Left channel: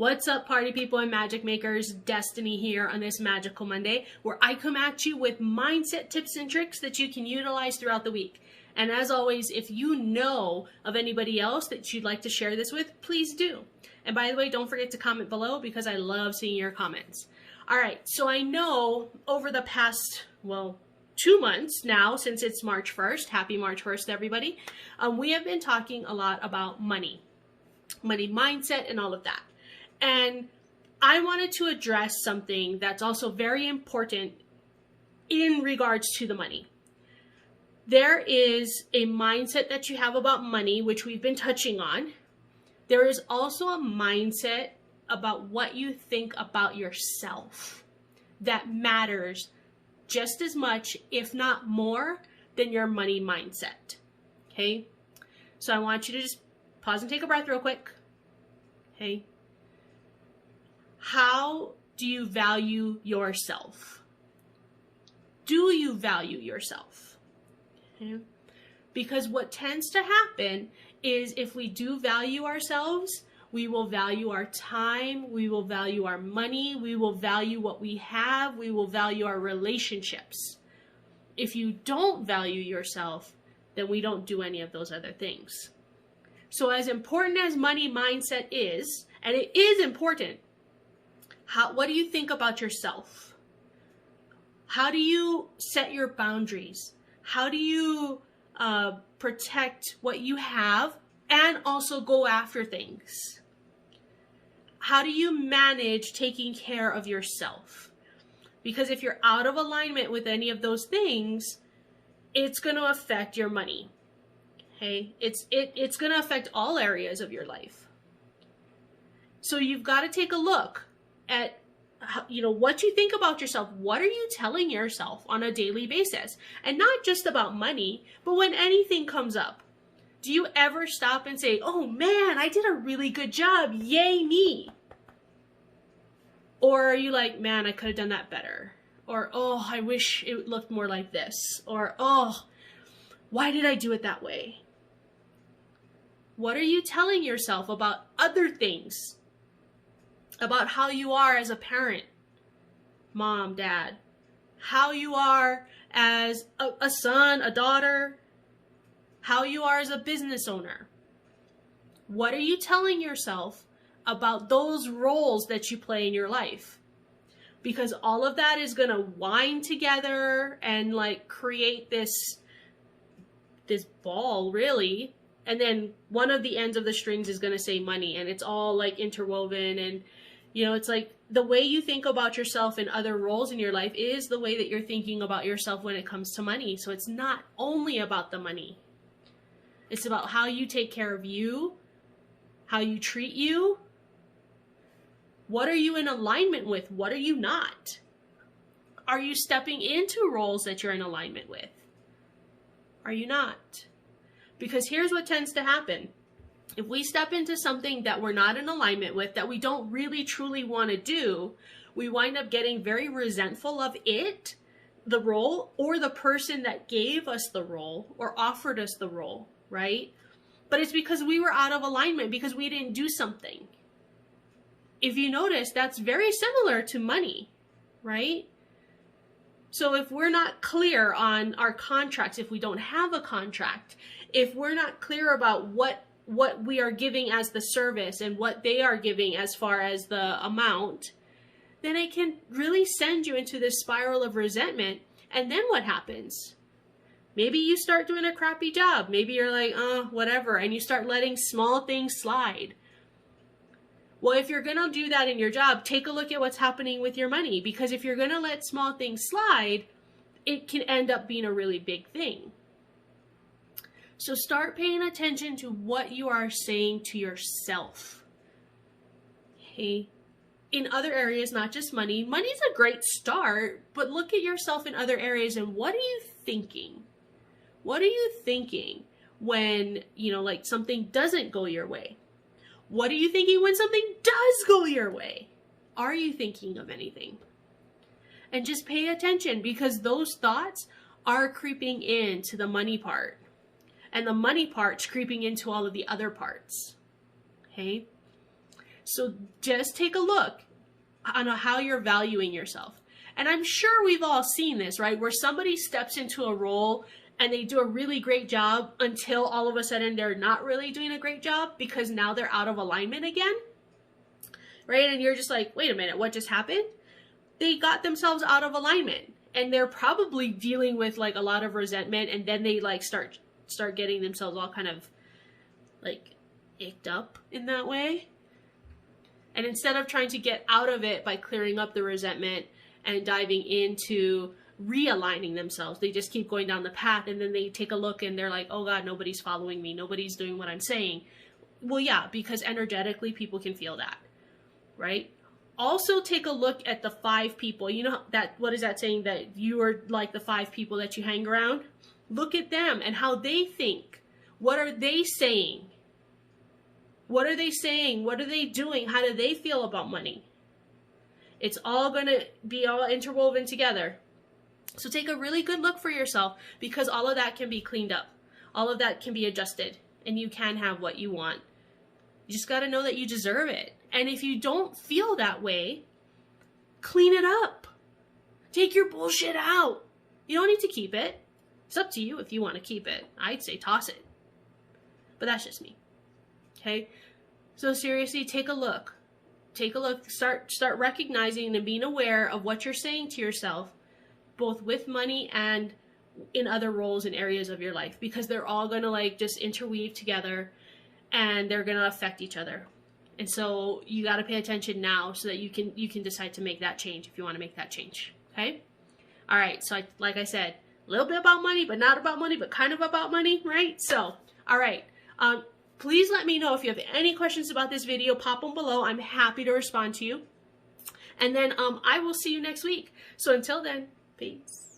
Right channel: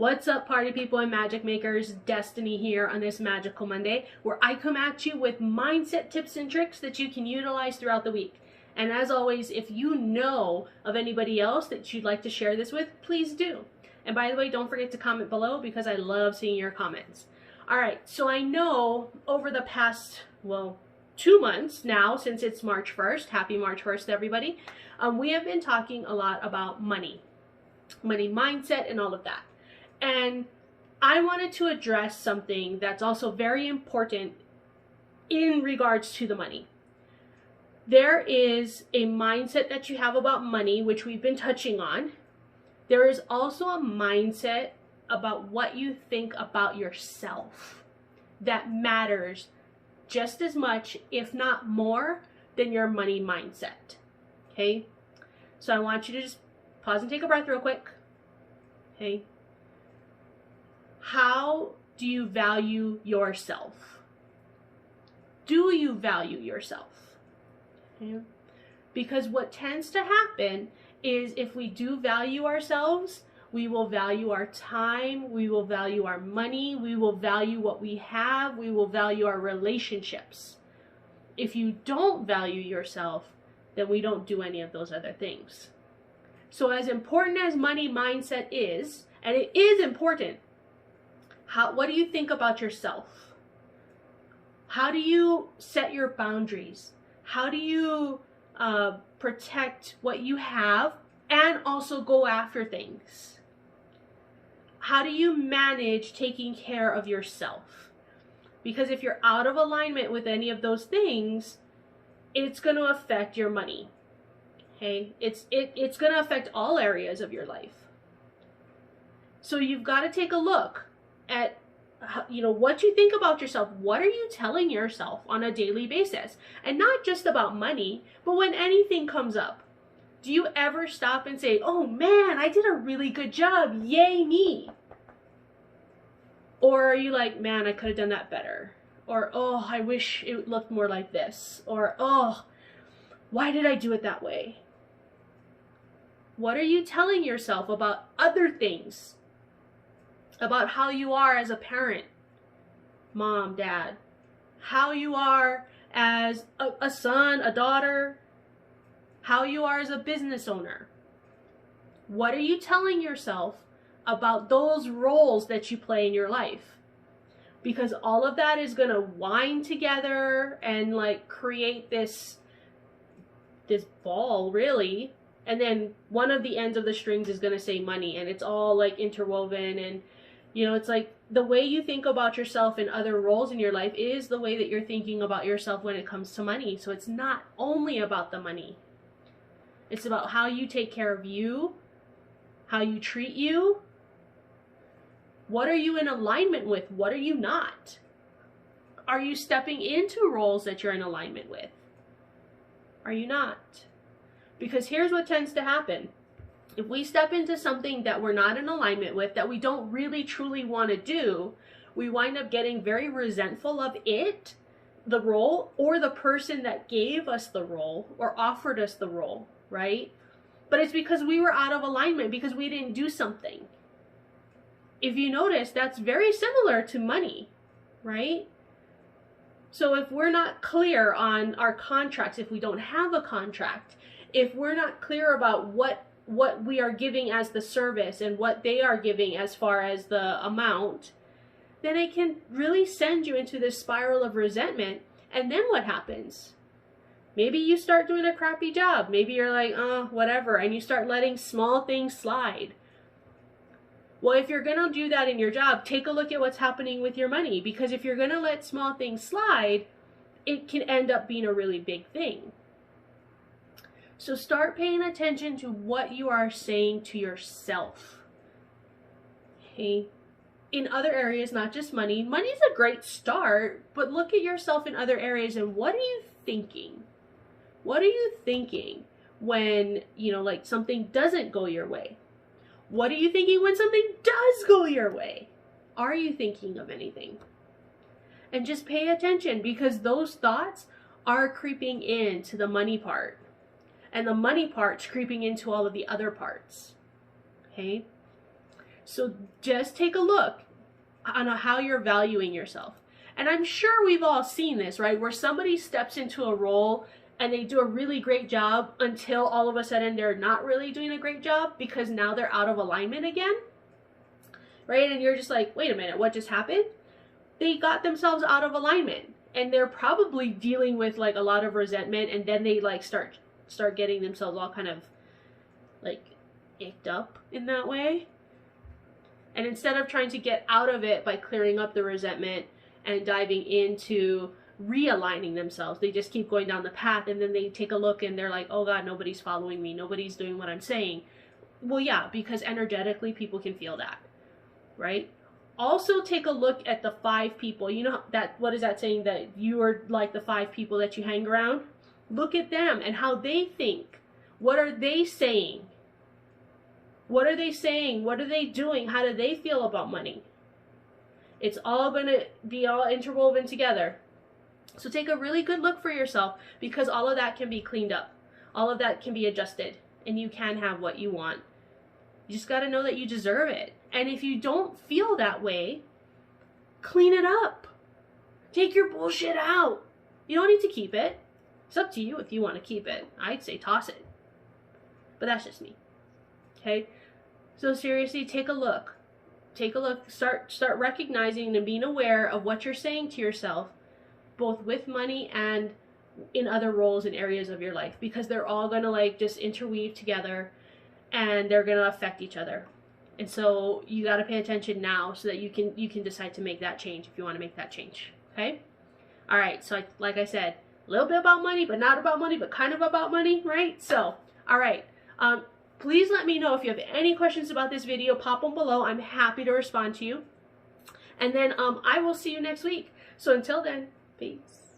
What's up, party people and magic makers? Destiny here on this Magical Monday, where I come at you with mindset tips and tricks that you can utilize throughout the week. And as always, if you know of anybody else that you'd like to share this with, please do. And by the way, don't forget to comment below because I love seeing your comments. All right, so I know over the past, 2 months now, since it's March 1st, happy March 1st to everybody, we have been talking a lot about money mindset and all of that. And I wanted to address something that's also very important in regards to the money. There is a mindset that you have about money, which we've been touching on. There is also a mindset about what you think about yourself that matters just as much, if not more, than your money mindset. Okay? So I want you to just pause and take a breath real quick. Okay? How do you value yourself? Do you value yourself? Okay? Because what tends to happen is if we do value ourselves, we will value our time, we will value our money, we will value what we have, we will value our relationships. If you don't value yourself, then we don't do any of those other things. So as important as money mindset is, and it is important, what do you think about yourself? How do you set your boundaries? How do you protect what you have and also go after things? How do you manage taking care of yourself? Because if you're out of alignment with any of those things, it's going to affect your money. Okay? It's going to affect all areas of your life. So you've got to take a look at what you think about yourself. What are you telling yourself on a daily basis? And not just about money, but when anything comes up. Do you ever stop and say, oh man, I did a really good job, yay me? Or are you like, man, I could have done that better? Or, oh, I wish it looked more like this. Or, oh, why did I do it that way? What are you telling yourself about other things? About how you are as a parent, mom, dad, how you are as a son, a daughter, how you are as a business owner. What are you telling yourself about those roles that you play in your life? Because all of that is going to wind together and like create this ball, really. And then one of the ends of the strings is going to say money, and it's all like interwoven. And it's like the way you think about yourself in other roles in your life is the way that you're thinking about yourself when it comes to money. So it's not only about the money. It's about how you take care of you, how you treat you. What are you in alignment with? What are you not? Are you stepping into roles that you're in alignment with? Are you not? Because here's what tends to happen. If we step into something that we're not in alignment with, that we don't really truly want to do, we wind up getting very resentful of it, the role, or the person that gave us the role or offered us the role, right? But it's because we were out of alignment, because we didn't do something. If you notice, that's very similar to money, right? So if we're not clear on our contracts, if we don't have a contract, if we're not clear about what we are giving as the service and what they are giving as far as the amount, then it can really send you into this spiral of resentment. And then what happens? Maybe you start doing a crappy job. Maybe you're like, whatever, and you start letting small things slide. Well, if you're going to do that in your job, take a look at what's happening with your money. Because if you're going to let small things slide, it can end up being a really big thing. So start paying attention to what you are saying to yourself. Okay? In other areas, not just money. Money's a great start, but look at yourself in other areas and what are you thinking? What are you thinking when, like something doesn't go your way? What are you thinking when something does go your way? Are you thinking of anything? And just pay attention, because those thoughts are creeping into the money part. And the money part's creeping into all of the other parts. Okay? So just take a look on how you're valuing yourself. And I'm sure we've all seen this, right? Where somebody steps into a role and they do a really great job until all of a sudden they're not really doing a great job because now they're out of alignment again, right? And you're just like, wait a minute, what just happened? They got themselves out of alignment, and they're probably dealing with like a lot of resentment, and then they like start getting themselves all kind of like icked up in that way. And instead of trying to get out of it by clearing up the resentment and diving into realigning themselves, they just keep going down the path, and then they take a look and they're like, oh God, nobody's following me, nobody's doing what I'm saying. Well, yeah, because energetically people can feel that, right? Also take a look at the 5 people. You know that, what is that saying, that you are like the 5 people that you hang around? Look at them and how they think. What are they saying? What are they saying? What are they doing? How do they feel about money? It's all going to be all interwoven together. So take a really good look for yourself, because all of that can be cleaned up. All of that can be adjusted, and you can have what you want. You just got to know that you deserve it. And if you don't feel that way, clean it up. Take your bullshit out. You don't need to keep it. It's up to you if you want to keep it. I'd say toss it. But that's just me. Okay? So seriously, take a look. Take a look. Start recognizing and being aware of what you're saying to yourself, both with money and in other roles and areas of your life, because they're all going to like just interweave together, and they're going to affect each other. And so you got to pay attention now so that you can decide to make that change if you want to make that change. Okay? All right. So like I said, a little bit about money, but not about money, but kind of about money, right? So, all right. Please let me know if you have any questions about this video. Pop them below. I'm happy to respond to you. And then I will see you next week. So until then, peace.